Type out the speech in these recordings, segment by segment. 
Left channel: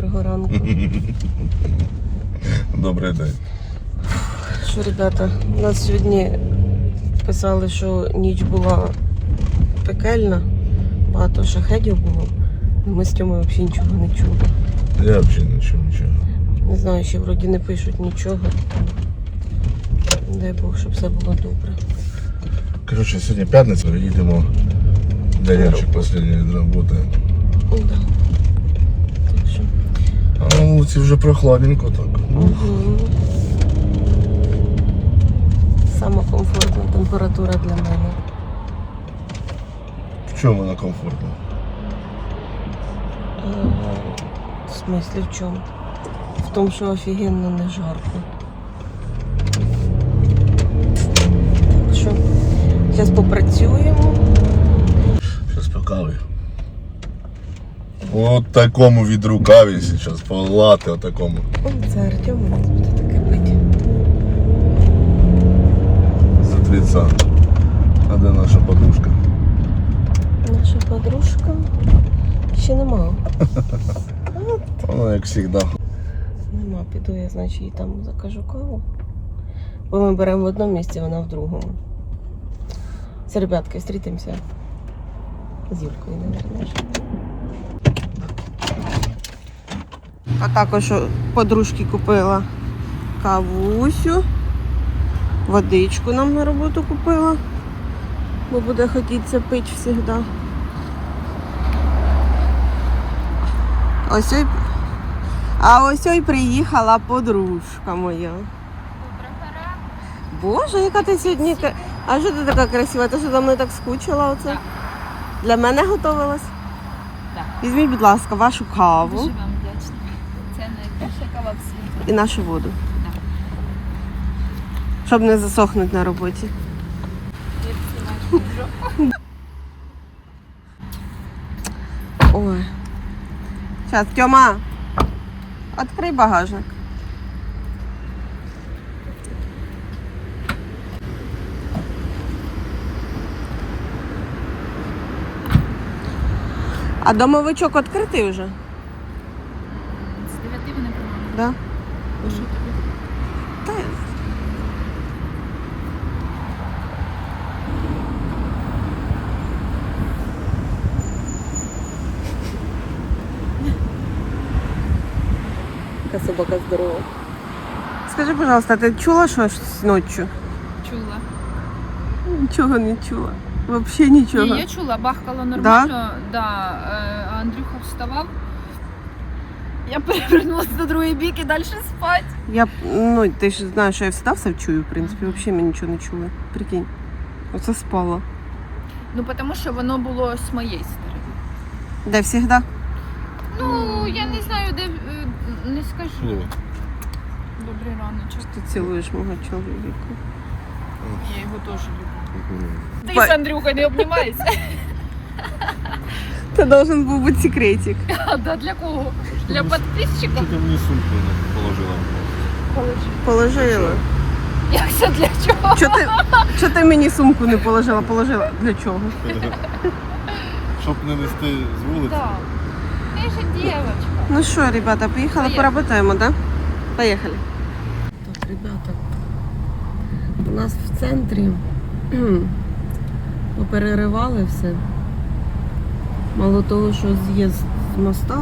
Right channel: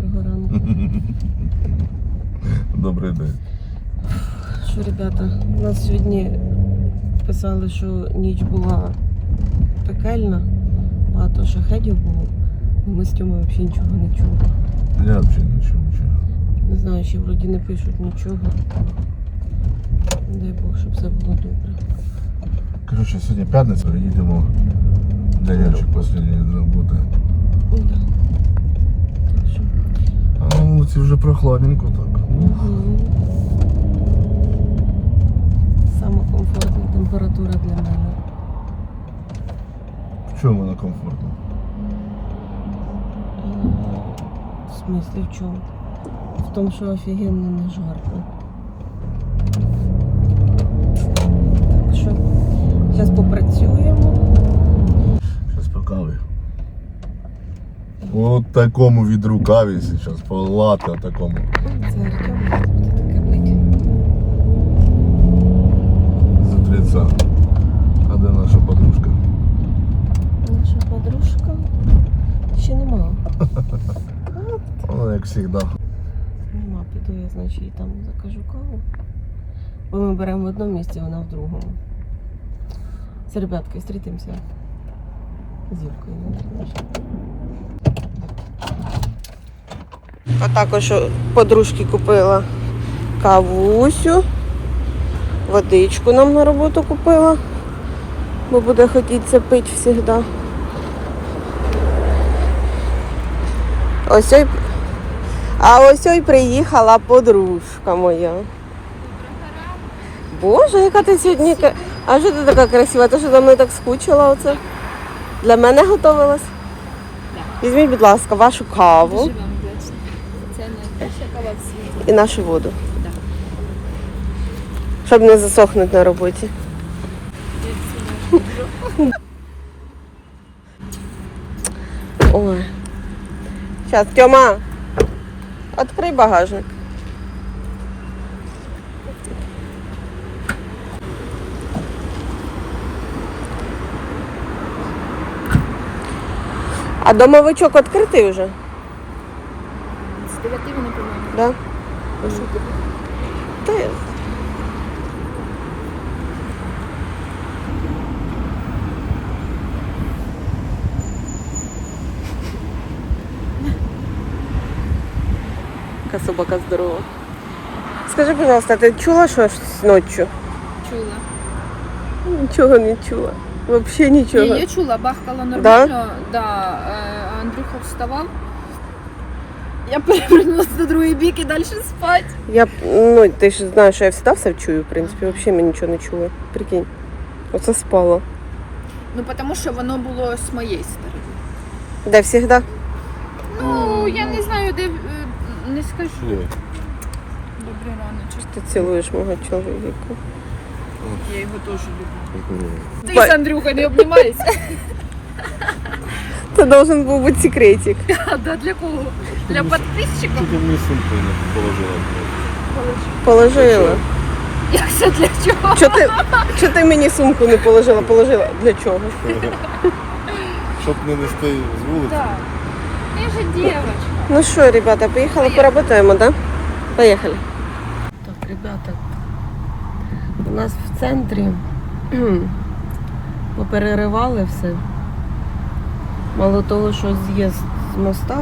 Доброго ранку. Добрий день. Що, ребята, у нас сьогодні писали, що ніч була пекельна, багато шахедів було. Ми з Тьомою взагалі нічого не чули. Я взагалі не чув нічого. Не знаю, ще вроді не пишуть нічого. Дай Бог, щоб все було добре. Коротше, сьогодні п'ятниця, їдемо останній від роботи. Да. А на вулиці вже прохладненько так. Угу. Сама комфортна температура для мене. В чому вона комфортна? Е, В смислі в чому? В тому, що офігенно не жарко. Так що, зараз попрацюємо. Щас по каві. От такому відру каві зараз, по лати такому. Це Артем у нас буде таке пити. За твіца. А де наша подружка? Наша подружка ще нема. Вона як завжди. Нема, піду я, значить, їй там закажу каву. Бо ми беремо в одному місці, вона в другому. Все, ребятки, зустрітимося з Юлькою, мабуть. А також подружки купила кавусю, водичку нам на роботу купила, бо буде хотіться пити завжди. Ось ой а ось ой приїхала подружка моя. Боже, яка ти сьогодні. А що ти така красива? Ти що за мною так скучила оце? Для мене готувалась? Візьміть, будь ласка, вашу каву Дуже вам вдячна. Це найкраща кава в світі. І нашу воду. Да. Щоб не засохнути на роботі. Ой. Сейчас, Тьома, открой багажник. А домовичок відкритий вже? З 9 вони, по-моєму. Да? А що тобі? Та я- Яка собака здорова. Скажи, пожалуйста, ти чула щось ночі? Чула. Нічого не чула. Взагалі нічого. Ні, я чула, бахкало нормально. Да? Е, Андрюха вставав. Я перевернулася на другий бік і далі спати. Я, ну, ти ж знаєш, що я всегда все чую, в принципі, взагалі ми нічого не чули. Прикинь. Оце спала. Ну, тому що воно було з моєї сторони. Де завжди? Ну, я не знаю, де е, не скажу. Добре раночок. Ти цілуєш мого чоловіка. Я його теж люблю. Ти з Андрюха не обнімаєшся? Це должен був бути секретик. Да, для кого? Для підписчиків? Ти мені сумку не положила. Положила. Як це для чого? Чого ти, ти мені сумку не положила? Положила. Для чого? Щоб не нести з вулиці. Так. Я же девочка. Ну що, ребята, поїхали, поработаємо, да? Поїхали. Так, ребята, у нас в центрі кхм, попереривали все. Мало того, що з'їзд з моста,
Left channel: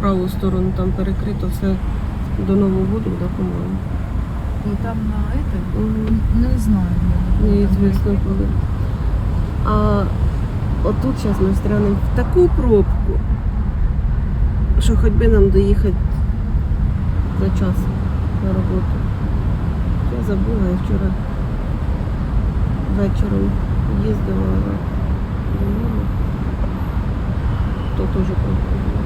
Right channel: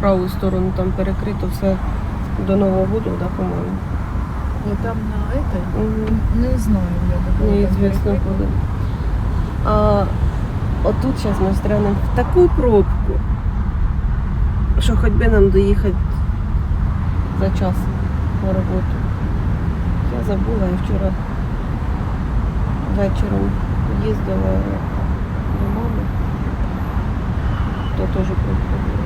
праву сторону там перекрито все до Нового году, да, по-моєму. Ну там на это, Угу. не знаю, я Неизвестно куда. А отут зараз ми стрянемо в таку пробку, що хоч би нам доїхати за час на роботу. Я забула, я вчора вечором їздила То теж пробка була.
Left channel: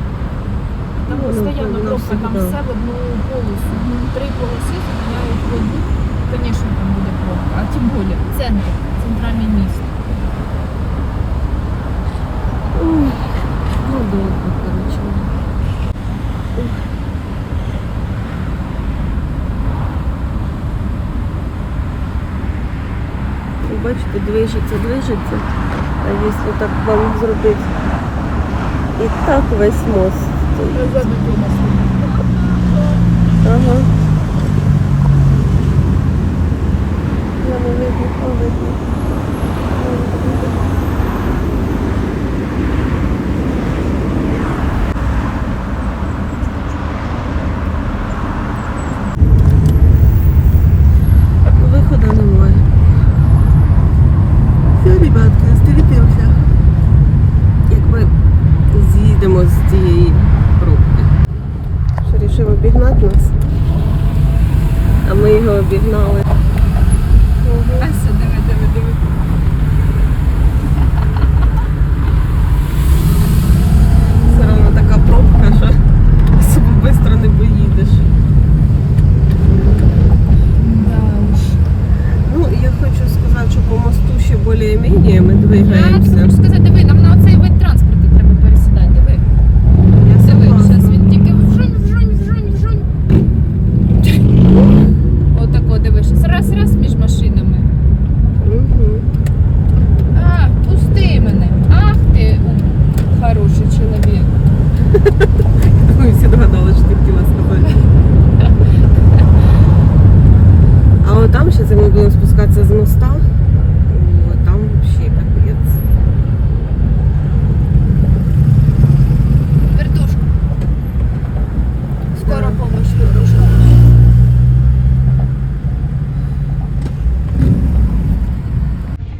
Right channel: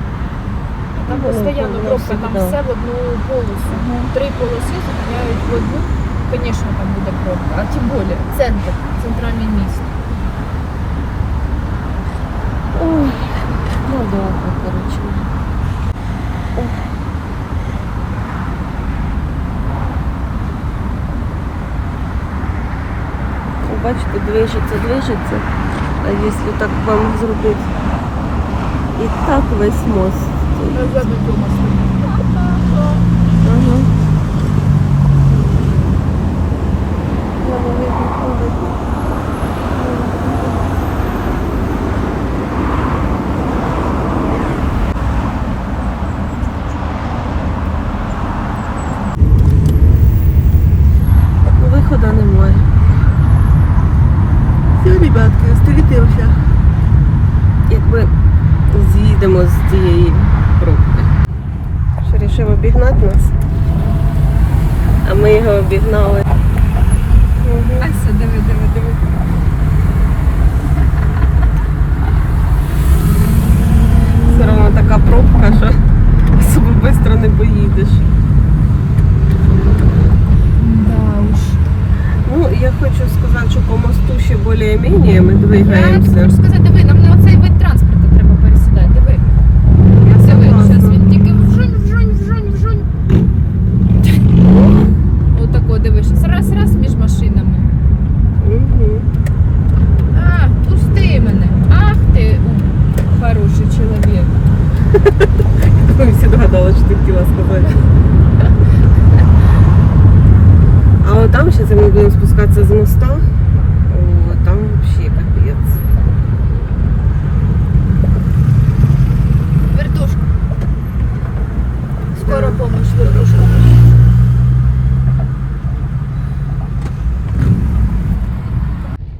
Там Ну, постійно ну, пробка, там всегда. все в одну полосу. Три полоси зупиняють в одну. Звісно, там буде пробка. А тим більше центр, центральне місто. Ой, надовго, коротше. Ух. Ви Бачите, движеться, движеться. А якщо так вам зробити І так весь мост, цього. Ага. Я не видно, не видно. Ну, Виходу немає. Все, ребятки, зустрітимося. Якби з'їдемо з цієї пробки. Що рішив обігнати нас? А ми його обігнали. Ася, диви, диви, диви. Все одно така пробка, що особо швидко не поїдеш. Ну, я хочу сказати, що по мосту ще більш-менш ми Я двигаємося. хочу сказати, диви, нам на оцей вид транспорту треба пересідати, диви. Я Диви, зараз согласна. він тільки вжунь, вжунь, вжунь, вжунь. Отако, диви, щас раз, раз між машинами. Мгм. А, пусти мене. Ах ти, у, хороший чоловік. Ми всі догадали, що ти хотіла сказати. А от там зараз ми будемо спускатися з моста. О, там взагалі капець. Вертушка. Скоро Да. помощь, вертушка.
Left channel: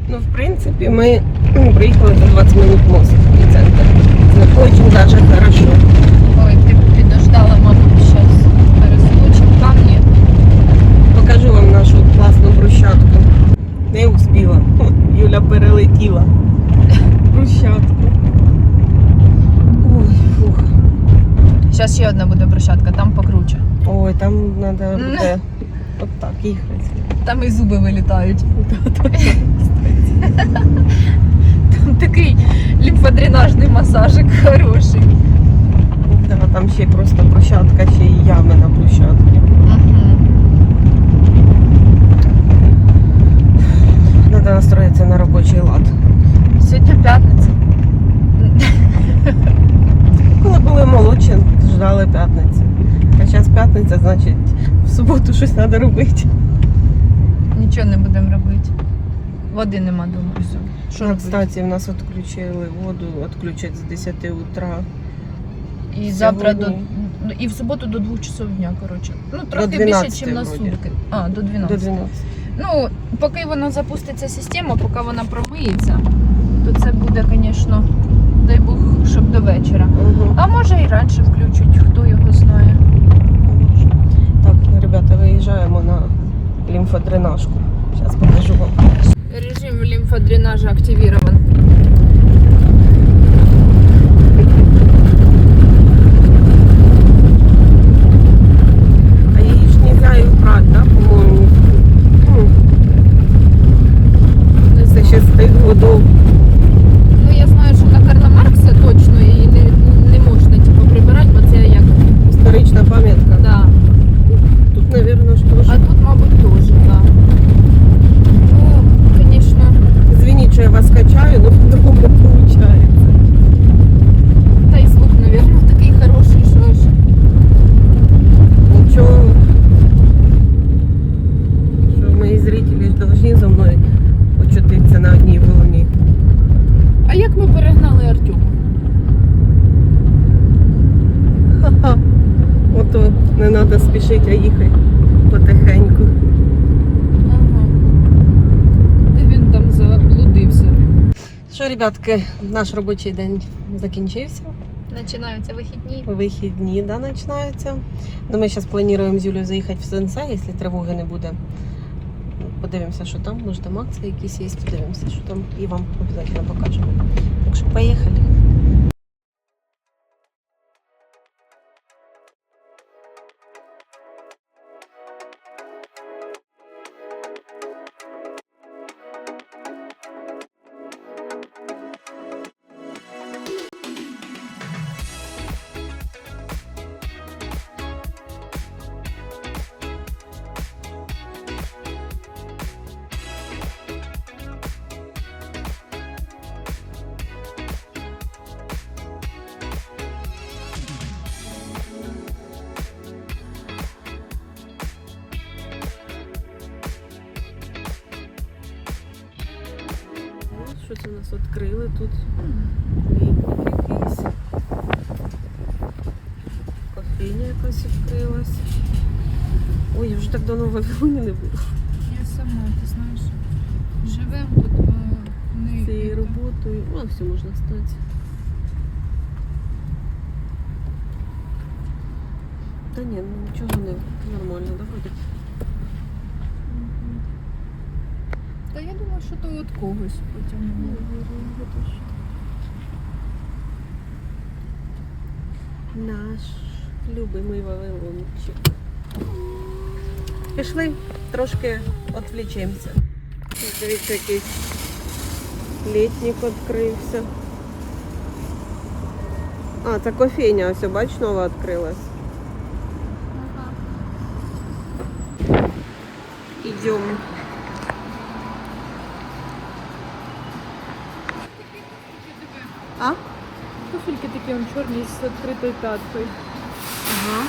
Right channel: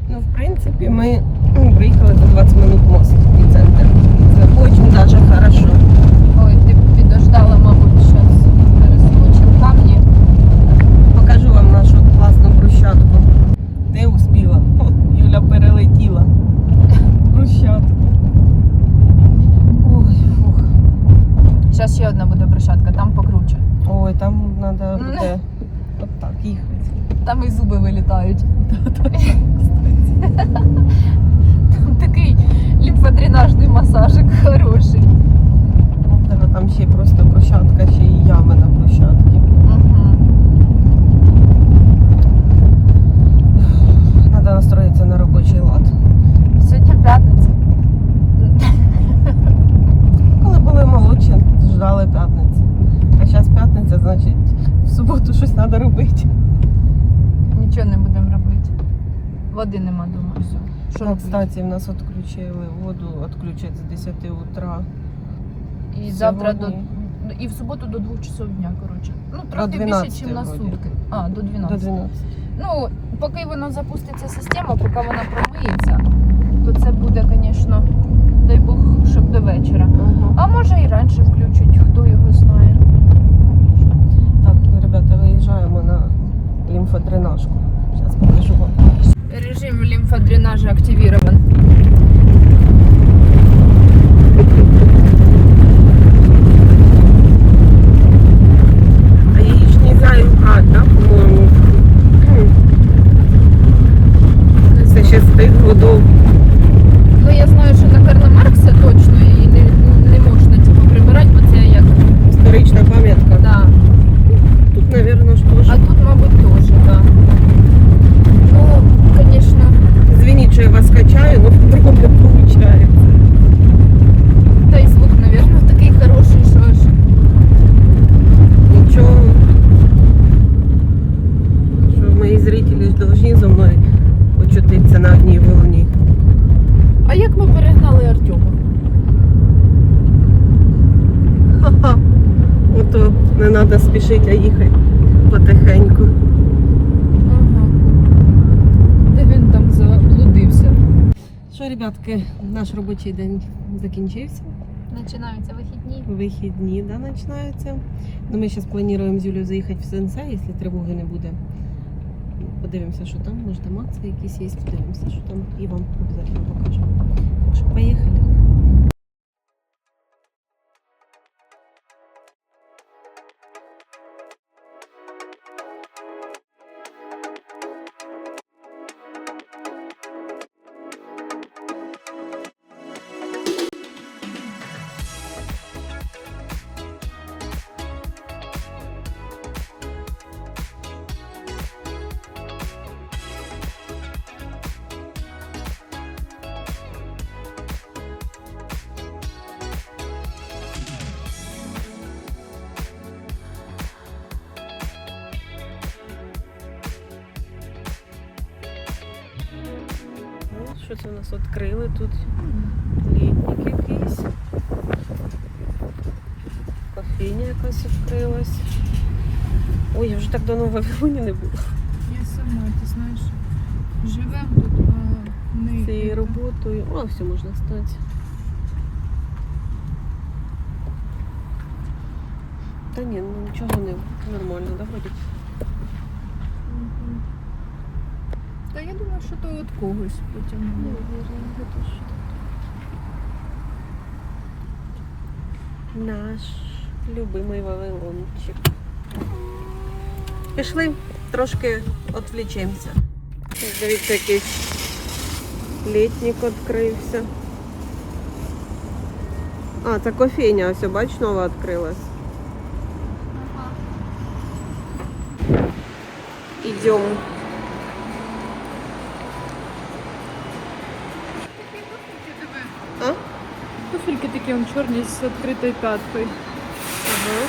Ну, в принципі, ми ну, приїхали за 20 минут мост і центр. Це дуже даже хорошо. Ой, ти б підождала, мабуть, зараз перескочимо камні. Покажу вам нашу класну брусчатку. Не успіла. Юля перелетіла. Брусчатку. Ой, фух. Зараз ще одна буде брусчатка, там покруче. Ой, там треба буде от так їхати. Там і зуби вилітають. Там такий лімфодренажний масажик хороший. Да, там ще й просто брусчатка, ще й ями на брусчатці. Треба настроїтися на робочий лад. Сьогодні п'ятниця. Коли були молодші, ждали п'ятниці. А зараз п'ятниця, значить в суботу щось треба робити. Нічого не будемо робити. Води нема дома. Все. Що Ну, робити? Кстати, в нас відключили воду, відключать з 10 утра. І завтра до сьогодні. і в суботу до 2 часов дня, коротше. Ну, трохи 12 більше, ніж на сутки. А, до 12. До 12. Ну, поки вона запуститься система, поки вона промиється, то це буде, звісно, дай Бог, щоб до вечора. Угу. А може і раніше включать, хто його знає. Так, ну, ребята, виїжджаємо на лімфодренажку. Зараз покажу вам. Режим лимфодренажа активирован. А її ж не знаю брати, да, по-моєму. Це ще з тих годов. Ну я знаю, що на Карла Маркса точно її не, не можна типу, прибирати, бо це як. Історична пам'ятка. Да. Тут, мабуть, ж теж. А тут, мабуть, теж, так. Да. Ну, звісно, Звініть, що я вас качаю, але по-другому не виходить. та й звук, мабуть, такий хороший, що ж. Нічого. Що мої зрителі повинні зі мною очутитися на одній волні. А як ми перегнали Артема? Ха-ха. Ото не треба спішити, а їхати потихеньку. Ага. Де він там заблудився? Ребятки, наш робочий день закінчився. Починаються вихідні. Вихідні да, починаються. Ну, ми зараз плануємо з Юлею заїхати в Сенсе, якщо тривоги не буде. Подивимося, що там, може там акції якісь є, подивимося, що там, і вам обов'язково покажемо. Так що поїхали. Що це у нас відкрили тут? Літник якийсь. Кофейня якась відкрилась. Ой, я вже так давно в Вавилоні не була. Я сама, ти знаєш, живемо тут, а не Цією роботою. О, все можна стати. Та ні, ну нічого не нормально, да, вроді. Мгм. Та я думаю, що то від когось потягнуло. Наш любимий Вавилончик. Пішли, трошки відвлічемося. Дивіться, якийсь літник відкрився. А, це кофейня, ось бач, нова відкрилась. Ідемо. А? Туфельки такі он чорні з відкритою п'яткою. Ага.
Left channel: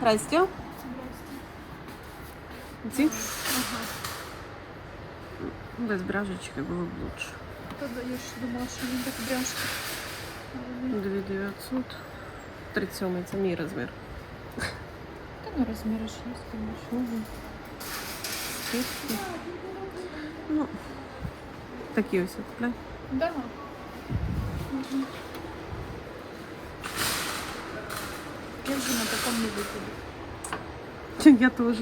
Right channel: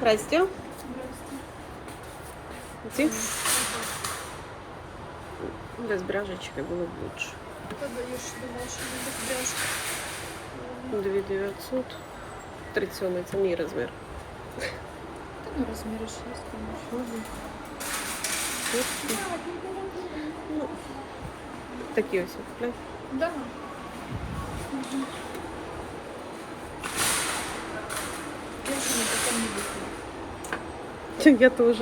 Здрасте. Ці? Без бражечки було б лучше. Та даєш, думаю, що не так бряшки. 2900. 37 це мій розмір. Та не розміриш, є, звісно. Угу. Куртки. Ну, такі ось купляй. Да. Я вже на такому не виходить. Я теж.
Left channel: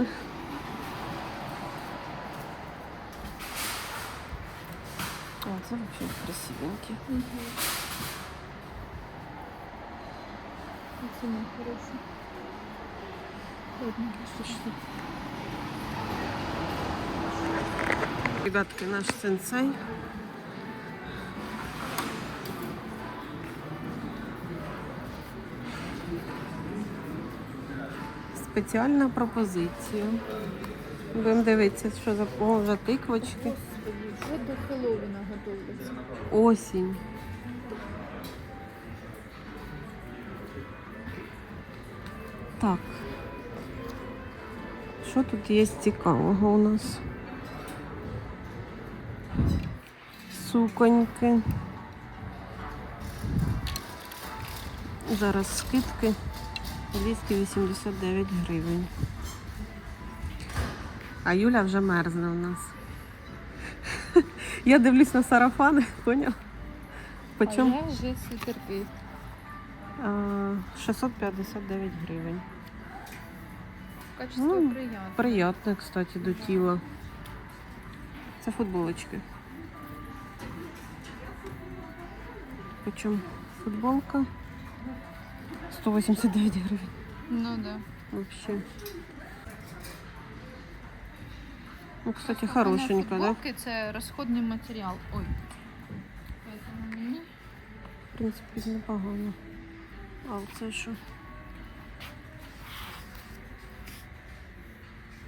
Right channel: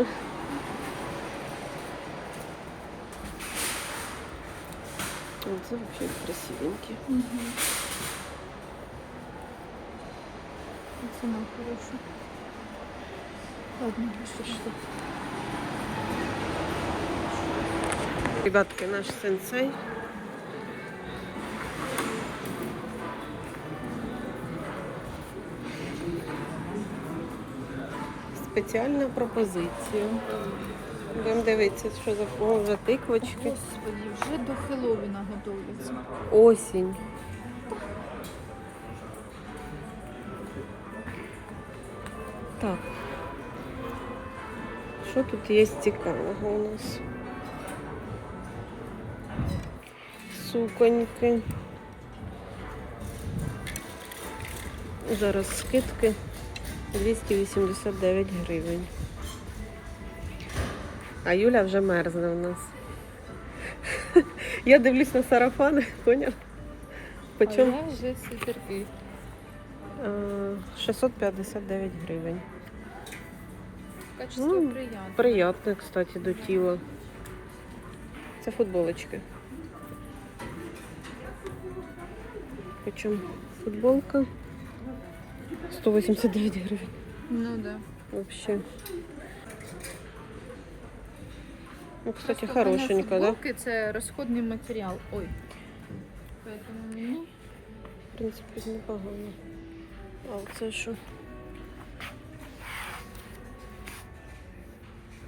О, це взагалі красивенькі. Ціна хороша. Одну Що ж тут? Ребятки, наш сенсей. Спеціальна пропозиція. Будемо дивитися, що за О, вже тиквочки. Господи, вже до Хеллоуіна готуються. Осінь. Так. Що тут є цікавого у нас? Суконьки. Зараз скидки 289 гривень. А Юля вже мерзне у нас. Я дивлюсь на сарафани, поняв? Почем? Я вже суперки. 659 гривень. Качество Ну, приємне. Приятно, кстати, до тіла. Це футболочки. Почем футболка? 189 гривень. Ну да. Вообще. Ну, кстати, Просто хорошенько, да? футболки це розходний матеріал. Ой. Поэтому мені В принципі, непогано. А оце що?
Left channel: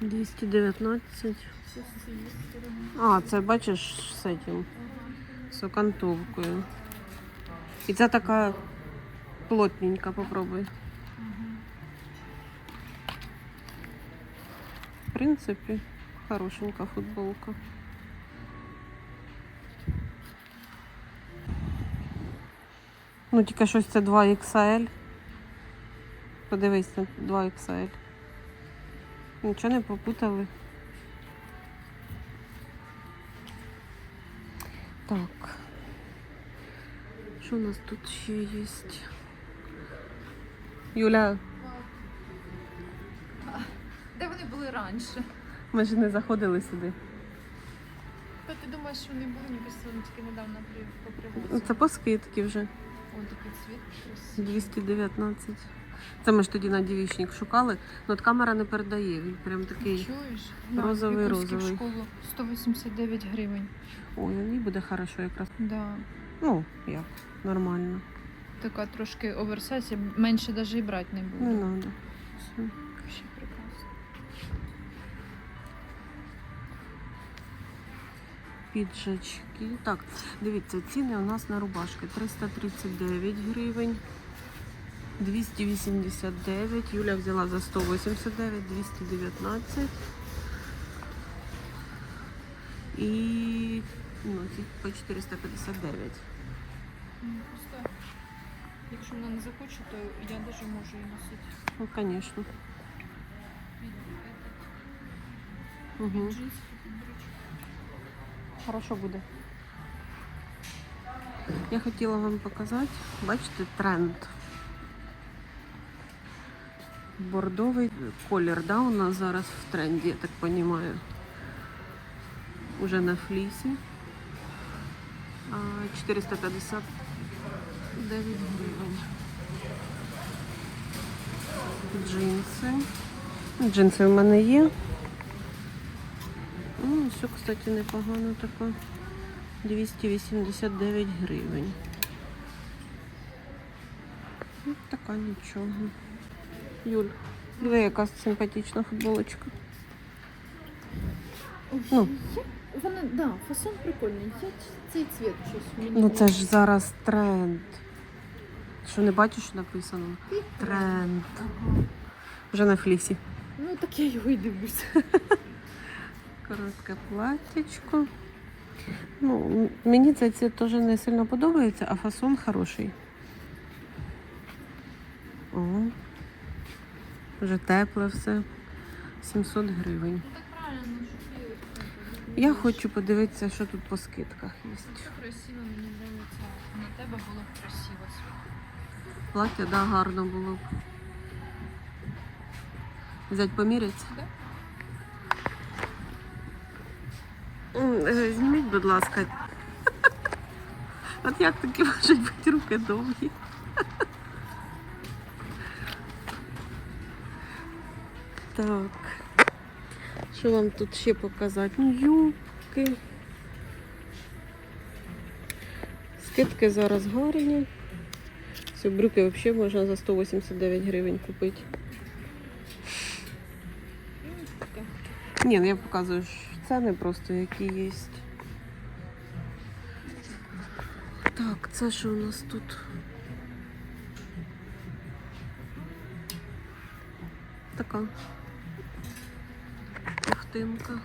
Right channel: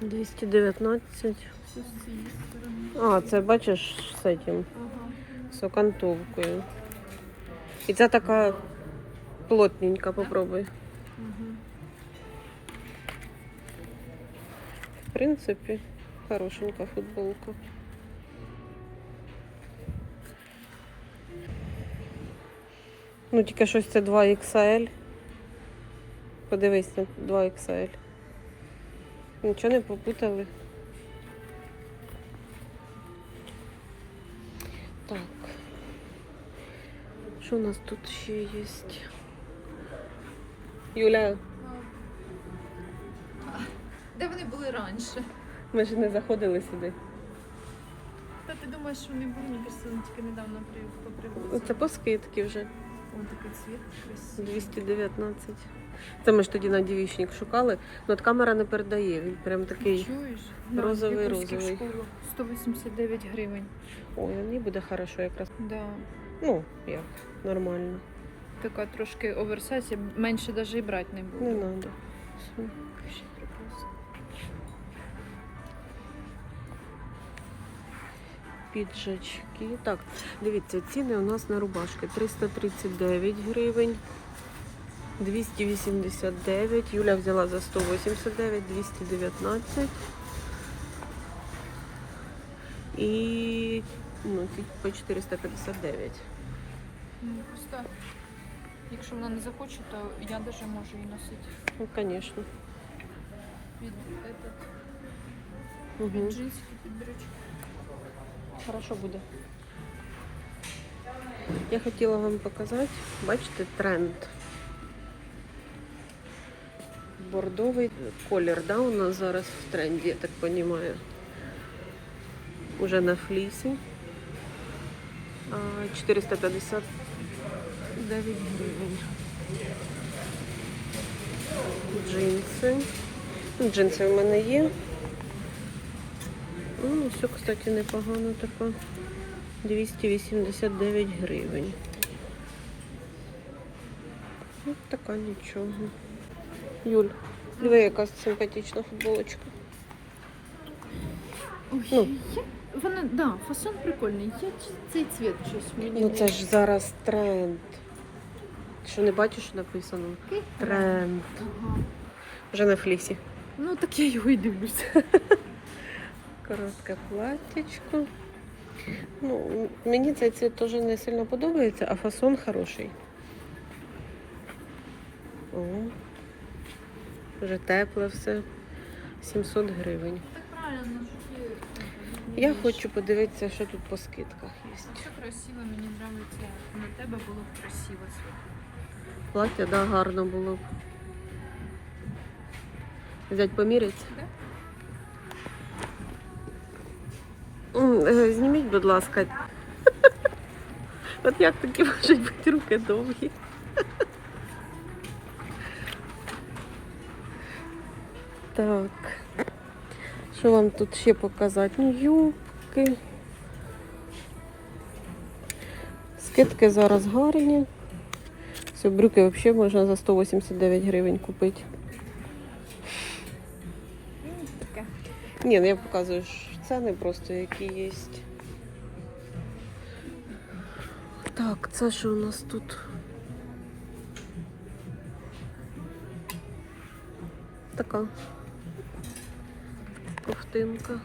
219. все з цієї сторони. А, це бачиш з цим, Ага. з окантовкою. І це така плотненька, попробуй. В принципі, хорошенька футболка. Ну, тільки щось це 2XL. Подивись на 2XL. Нічого не попутали. Так. Що у нас тут ще є? Юля, Де вони були раніше? ми ж не заходили сюди. Та ти думаєш, що вони були, мені кажется, вони тільки недавно при Ну. Це по скидці вже. О, такий цвіт. красивий. 219. Це ми ж тоді на дівічник шукали. Ну от камера не передає. Він прям такий. Чуєш? розовий, в Якутській розовий. школі 189 гривень. Ой, мені буде хорошо якраз. Да. Ну, як, нормально. Така трошки оверсайз, я менше навіть і брати не буду. Не треба. Все. Ще прекрасно. Піджачки. Так, дивіться, ціни у нас на рубашки 339 гривень. 289. Юля взяла за 189, 219. і ну, по 459. Ну, Просто, якщо она не захочет, то я даже можу ее носить. Ну, конечно. Угу. Хорошо будет. Я хотела вам показать, бачите, тренд. Бордовый колер, да, у нас зараз в тренде, я так понимаю. Уже на флисе. А, 450 49 гривень. Джинси. Джинси в мене є. Ну, Все, кстати, непогано таке. 289 гривень. Ось така нічого. Юль, диви якась симпатична футболочка. Ну. Вона, да, фасон прикольний. Цей цвіт щось мені. Ну це ж зараз тренд. Що не бачиш, що написано? Тренд. Вже на флісі. Ну так я його і дивлюся. Коротке платтячко. Ну, мені цей цвіт теж не сильно подобається, а фасон хороший. О, вже тепле все. 700 гривень. Що Я хочу подивитися, що тут по скидках є. красиво, мені подобається. На тебе було б красиво. Плаття, да, гарно було б. Взять поміряти? Е, Зніміть, будь ласка. От як такі можуть бути руки довгі? Так. Що вам тут ще показати? Ну, юбки. Скидки зараз гарні. Ці брюки взагалі можна за 189 гривень купити. Ні, ну я показую ціни просто, які є. Так, це що у нас тут? Така ковтинка.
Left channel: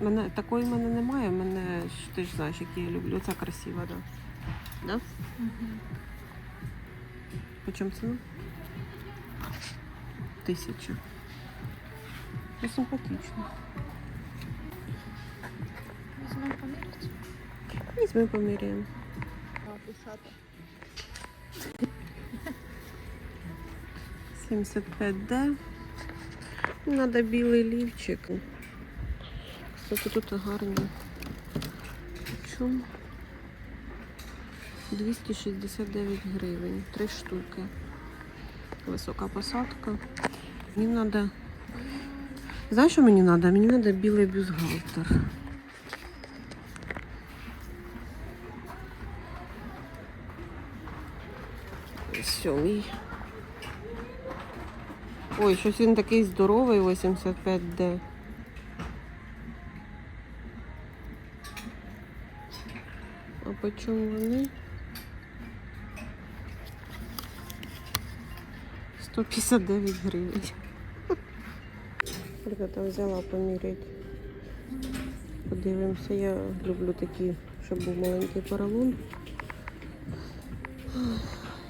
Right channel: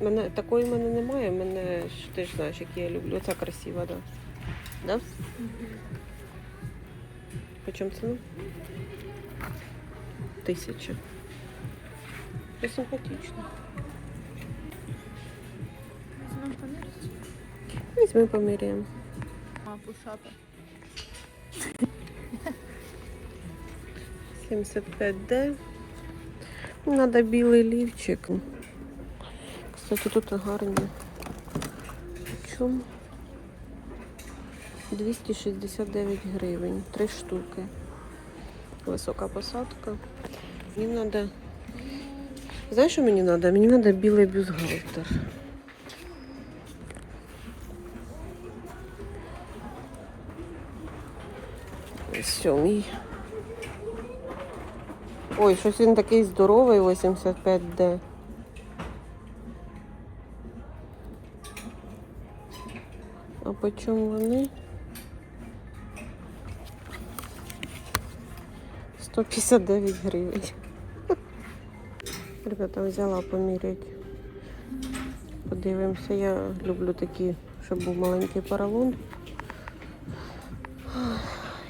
Мене, такої в мене немає, мене ж ти ж знаєш, які я люблю. Оця красива, так. Да? Да? По чому ціна? Тисяча. Це симпатично. Візьми поміряємо. А, пушати. 75D. Надо білий лівчик. Кстати, тут гарні. Чому? 269 гривень. Три штуки. Висока посадка. Мені треба. Знаєш, що мені треба? Мені треба білий бюстгальтер. Сьомий. Ой, щось він такий здоровий, 85D. По чому вони? 159 гривень. Ребята, взяла поміряти. Подивимося, я люблю такі, щоб був маленький поролон.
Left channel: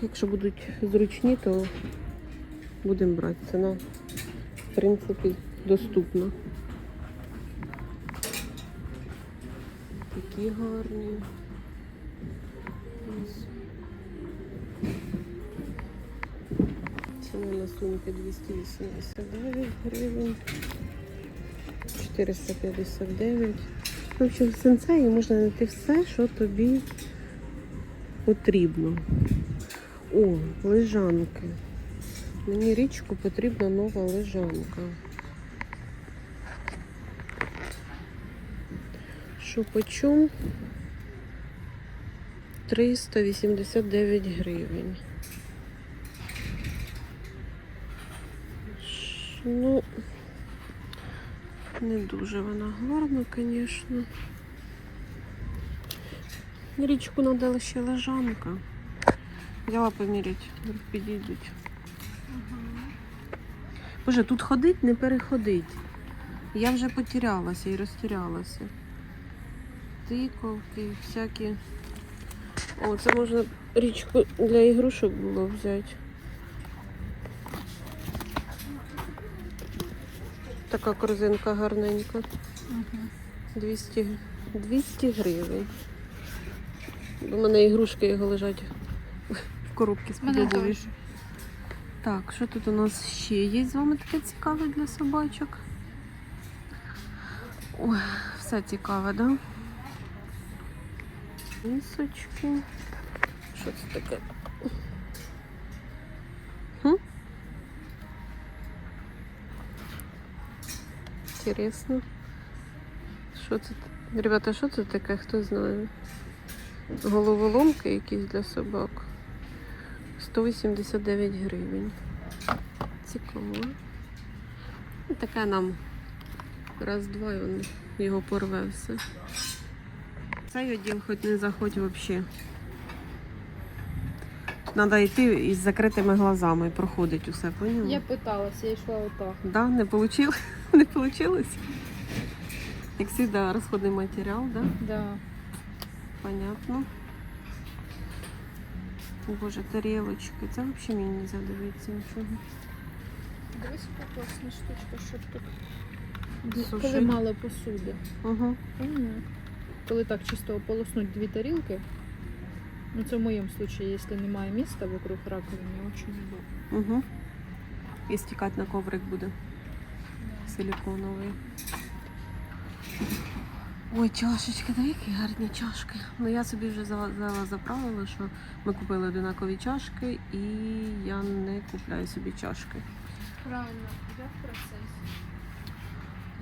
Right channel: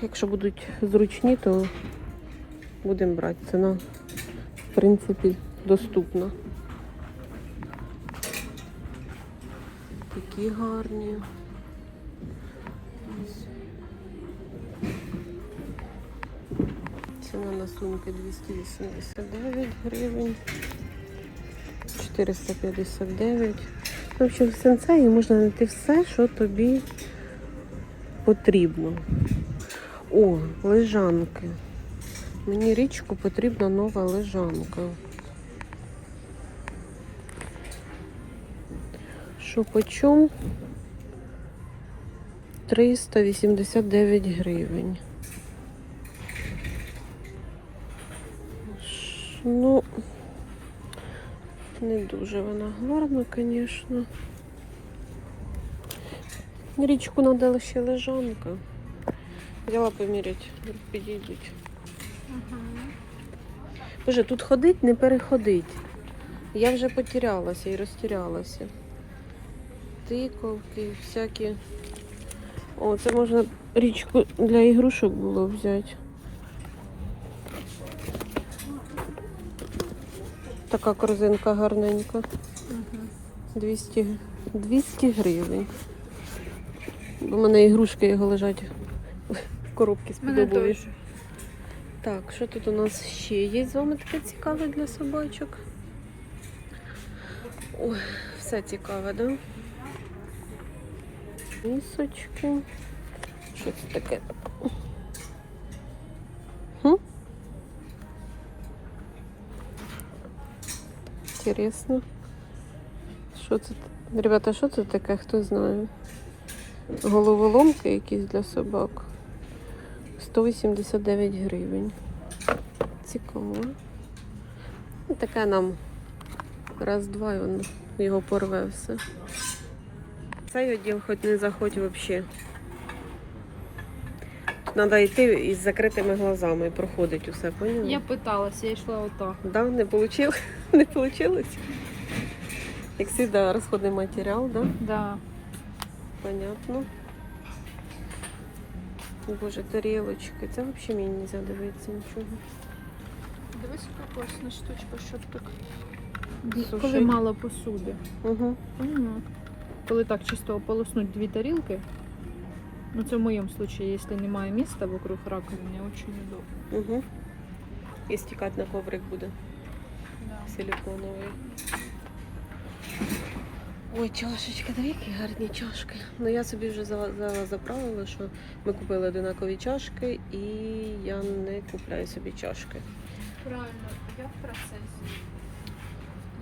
Якщо будуть зручні, то будемо брати. Ціна, в принципі, доступна. Такі гарні. Ціна на сумки 289 гривень. 459. В общем, в сенсеї можна знайти все, що тобі потрібно. О, лежанки. Мені річку потрібна нова лежанка. Що по чому? 389 гривень. Ну, не дуже вона гарна, звісно. Річку надала ще лежанка. Взяла поміряти, підійдуть. Ага. Боже, тут ходить, не переходить. Я вже потерялася і розтірялася. Тиковки, всякі. О, це можна річку для ігрушок було взяти. Така корзинка гарненька. 200, 200 гривень. У мене ігрушки його лежать в коробці з під обуві. Так, що тут у нас ще є з вами таке цікаве для собачок? Ой, все цікаве, да? Місочки. Це таке? Хм? Інтересно. Що це? Ребята, що це таке? Хто знає? Головоломки якісь для собак. 189 гривень. Цікаво. Таке нам раз-два і його порве все. Цей відділ хоч не заходь взагалі. Тут треба йти із закритими глазами, проходить усе, поняла? Я питалася, я йшла отак. Да, не получил? Не получилось? Як завжди, розходний матеріал, да? Да. Понятно. Боже, тарілочки. Це взагалі мені не можна дивитися нічого. Дивись, яка класна штучка, щоб так. Слушай. Коли мало посуди. Угу. Коли так чисто ополоснуть дві тарілки, ну це в моєму випадку, якщо немає міста вокруг раковини, дуже удобно. Угу. І стікати на коврик буде силиконовий. Ой, чашечки, да які гарні чашки. Ну я собі вже за- взяла за правило, що ми купили одинакові чашки і я не купляю собі чашки. Правильно, я в процесі.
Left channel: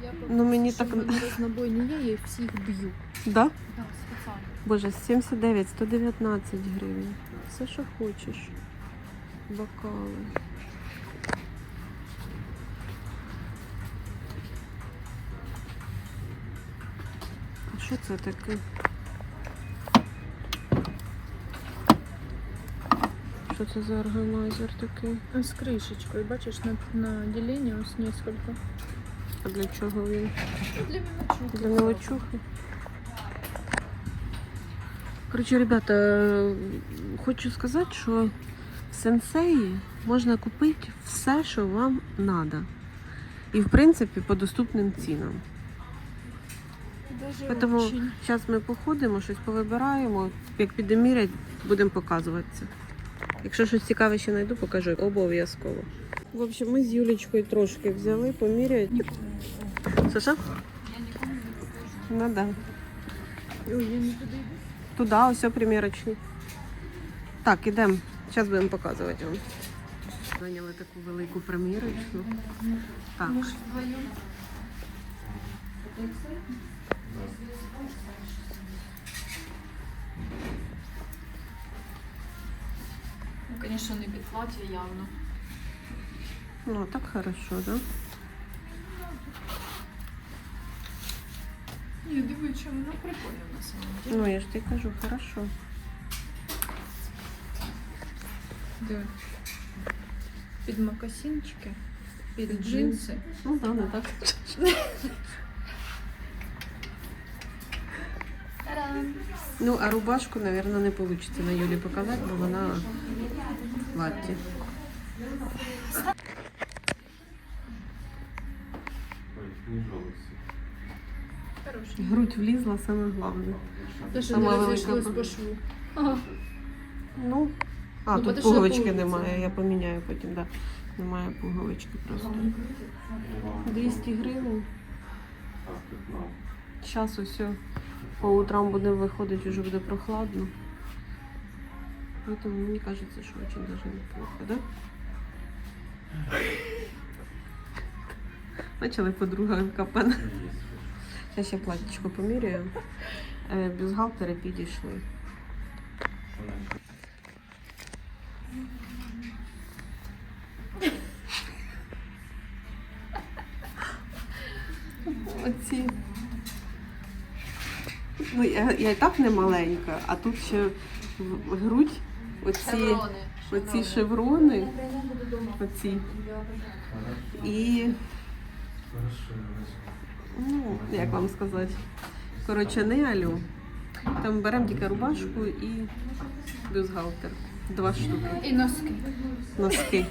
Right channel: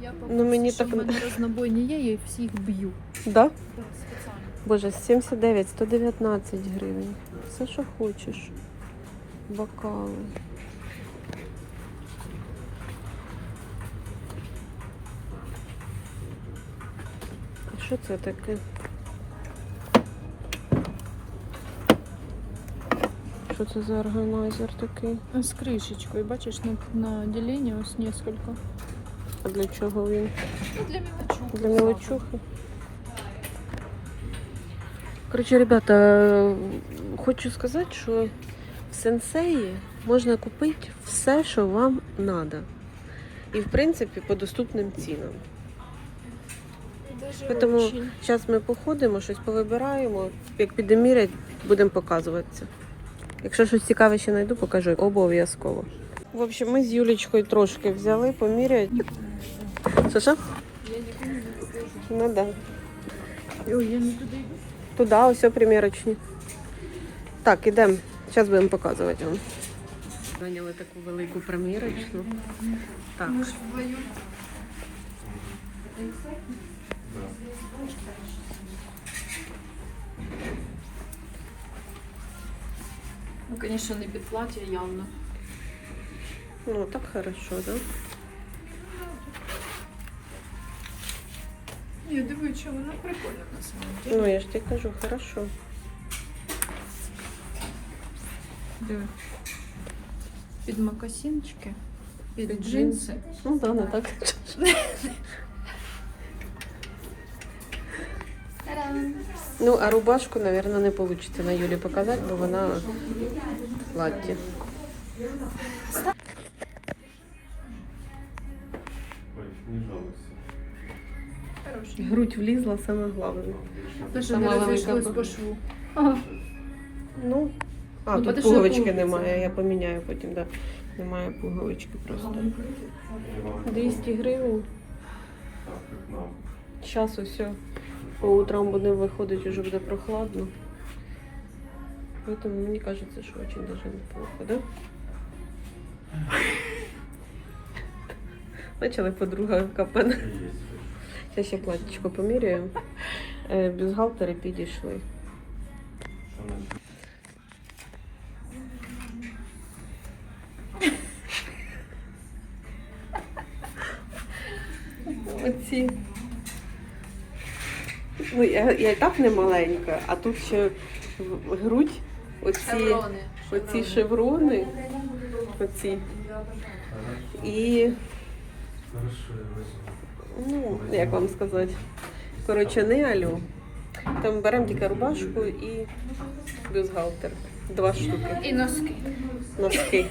Я Ну, мені що так- в мене знобойні є, я їх всіх б'ю. Да? Так, спеціально. Боже, 79, 119 гривень. Все, що хочеш. Бокали. А що це таке? Що це за органайзер такий? З кришечкою, бачиш, на, на ділення ось несколько. А для чого він? Ну, для мелочухи. Для мелочухи. Коротше, ребята, хочу сказати, що в сенсеї можна купити все, що вам треба. І, в принципі, по доступним цінам. Тому зараз ми походимо, щось повибираємо. Як підемо міряти, будемо показуватися. Якщо щось цікаве ще знайду, покажу обов'язково. В общем, ми з Юлічкою трошки взяли, поміряти. Що що? Я нікому не покажу. Ну да. Ой, я нікуди. Туди, ось примірочні. Так, ідемо. Зараз будемо показувати вам. Зайняли таку велику примірочну. Так. Ну, звісно, не під плаття явно. Ну, так хорошо, да? Я дивлюсь, що воно прикольно на самом деле. Ну, я ж тобі кажу, хорошо. Диви. Під макасинчики, під, Під джинси. Ну, да, не так. Ну, а рубашку, мабуть, не вийде на Юлі показати, бо вона в платті. Грудь влізла, саме головне. Те, що Сама не велика розійшлось по шву. Ну, а, Ну, тут пуговички немає, я поміняю потім, да. Немає пуговички просто. 200 гривень. Зараз усе. По утрам будемо виходити, вже буде прохладно. Поэтому мені кажется, що очень даже неплохо, да? Почали подруга капана. Я ще платічко поміряю. Е, Бюстгальтери підійшли. Оці. Ну, я, я і так не маленька, а тут ще грудь, оці, оці шеврони, оці. і. Ну, як вам сказати? Коротше, не алю. Там беремо тільки рубашку і бюстгальтер. Два штуки. І носки. Носки.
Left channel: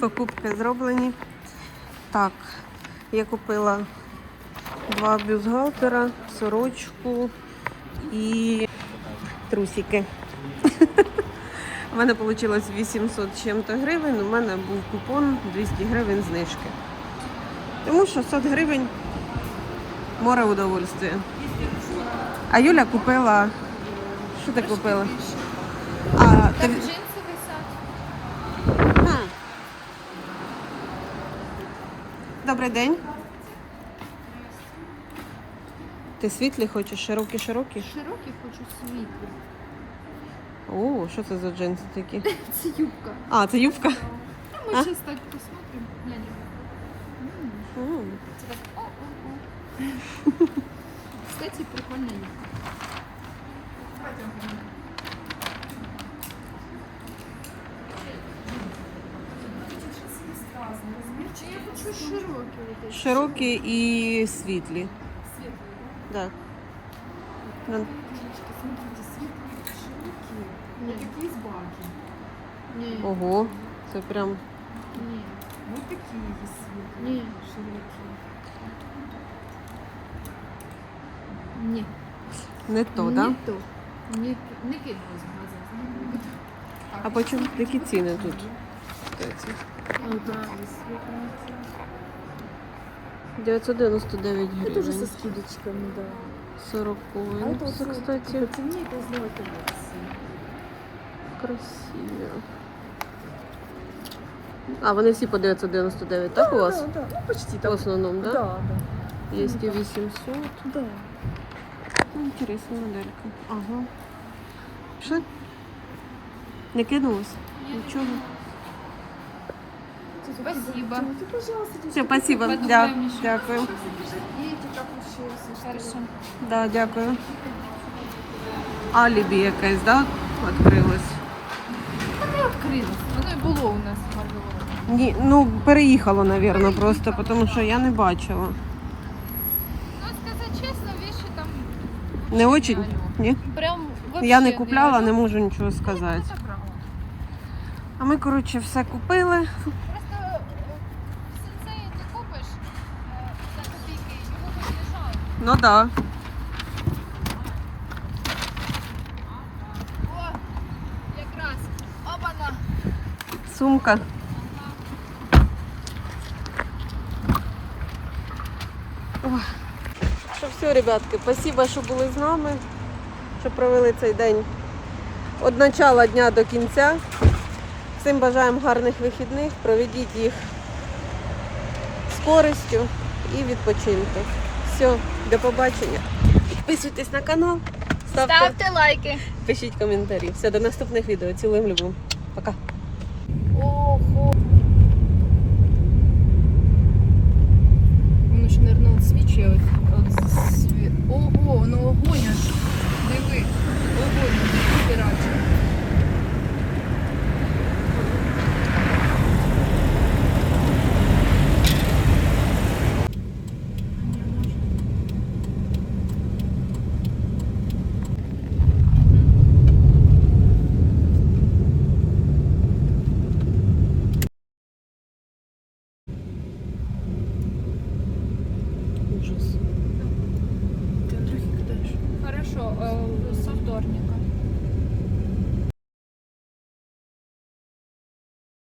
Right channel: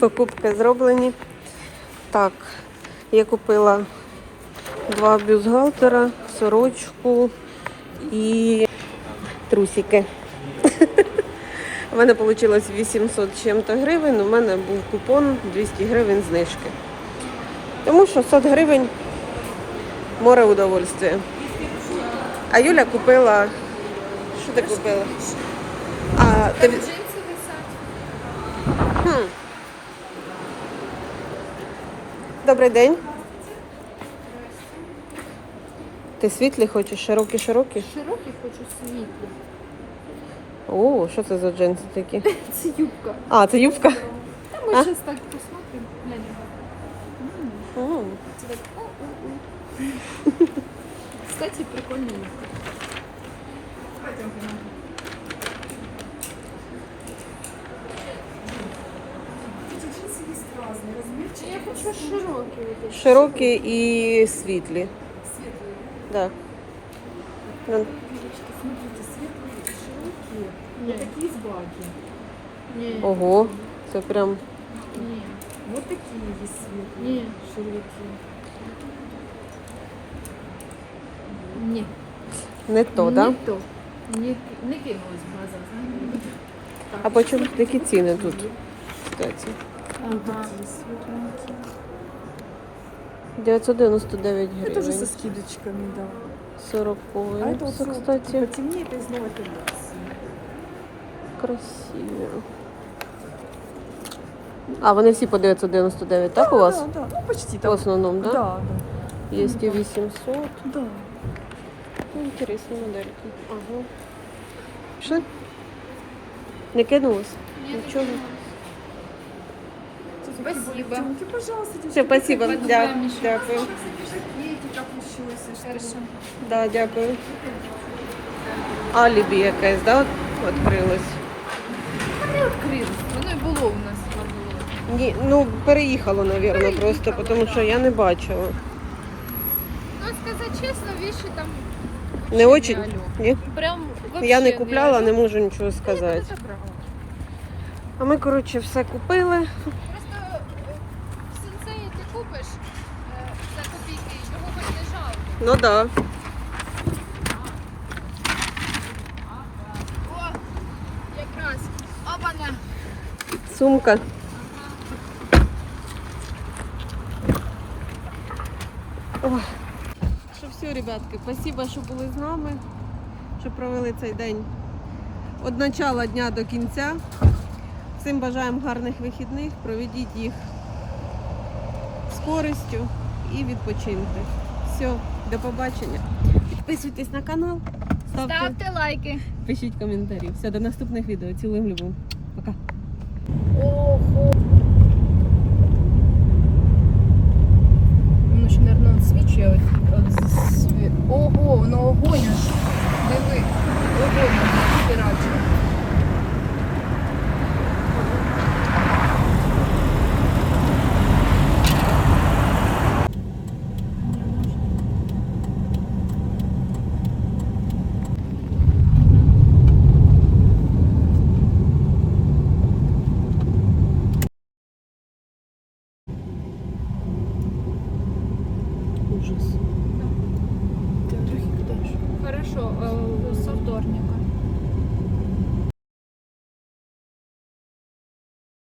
Покупки зроблені. Так, я купила два бюстгальтера, сорочку і трусики. У мене вийшло 800 чим-то гривень, у мене був купон 200 гривень знижки. Тому що 100 гривень море удовольствия. А Юля купила. Що ти купила? А, ти... Хм. Добрий день. Ти світлі хочеш? Широкі, широкі? Широкі хочу світлі. О, що це за джинси такі? Це юбка. А, це юбка. Та ми зараз так посмотрим. Глянь. М, Це так о-о-о. Кстати, прикольна юбка. Чи я хочу широкі. Широкі і світлі. Да. Ну, Ні. такие с баги. Ні. Ого, це прям. Ні. Вот такие есть светлые, Ні. широкі. Ні. Не то, Ні да? то. Ні, не кинулась в глаза, знаєте. Так. А по чому які ціни тут? Кстати. Ага. 999 Тоже гривень. со скидочками, да. 40 А это Це, вот кстати, Потемнее, это снова это красиво. А, вони всі по 999, так у вас? Да, да, ну, почти В так. основному, да? Да. Є і 800. да. Ну, Інтересні модельки. Ага. Що? Не кинулось? Нічого. Спасибо. Ты, пожалуйста, Все, спасибо. Я Дя- ще- Дякую. Хорошо. Да, дякую. Алібі якесь, да, відкрилось? Не відкрилось. Воно і було у нас. Ні, ну, переїхало, мабуть, просто, тому що я не бачила. Ну, сказати чесно, вещи там Не вообще очень? алло. Ні? Прям Я не купляла, не можу нічого сказати. Ну. А ми, коротше, все купили. Просто е, в сенсеї ти купиш е, за копійки, його не жалко. Ну да. О, якраз. Опана. Сумка. Що все, ребятки, спасибо, що були з нами, що провели цей день від начала дня до кінця. Всім бажаємо гарних вихідних, проведіть їх з користю і відпочиньте. Все, до побачення. Підписуйтесь на канал, ставте, Ставте лайки. пишіть коментарі. Все, до наступних відео. Цілуємо любимо. Пока. Воно ще, мабуть, відсвічує. Ого, воно огонь аж. Диви. Огонь, піраче. Ужас.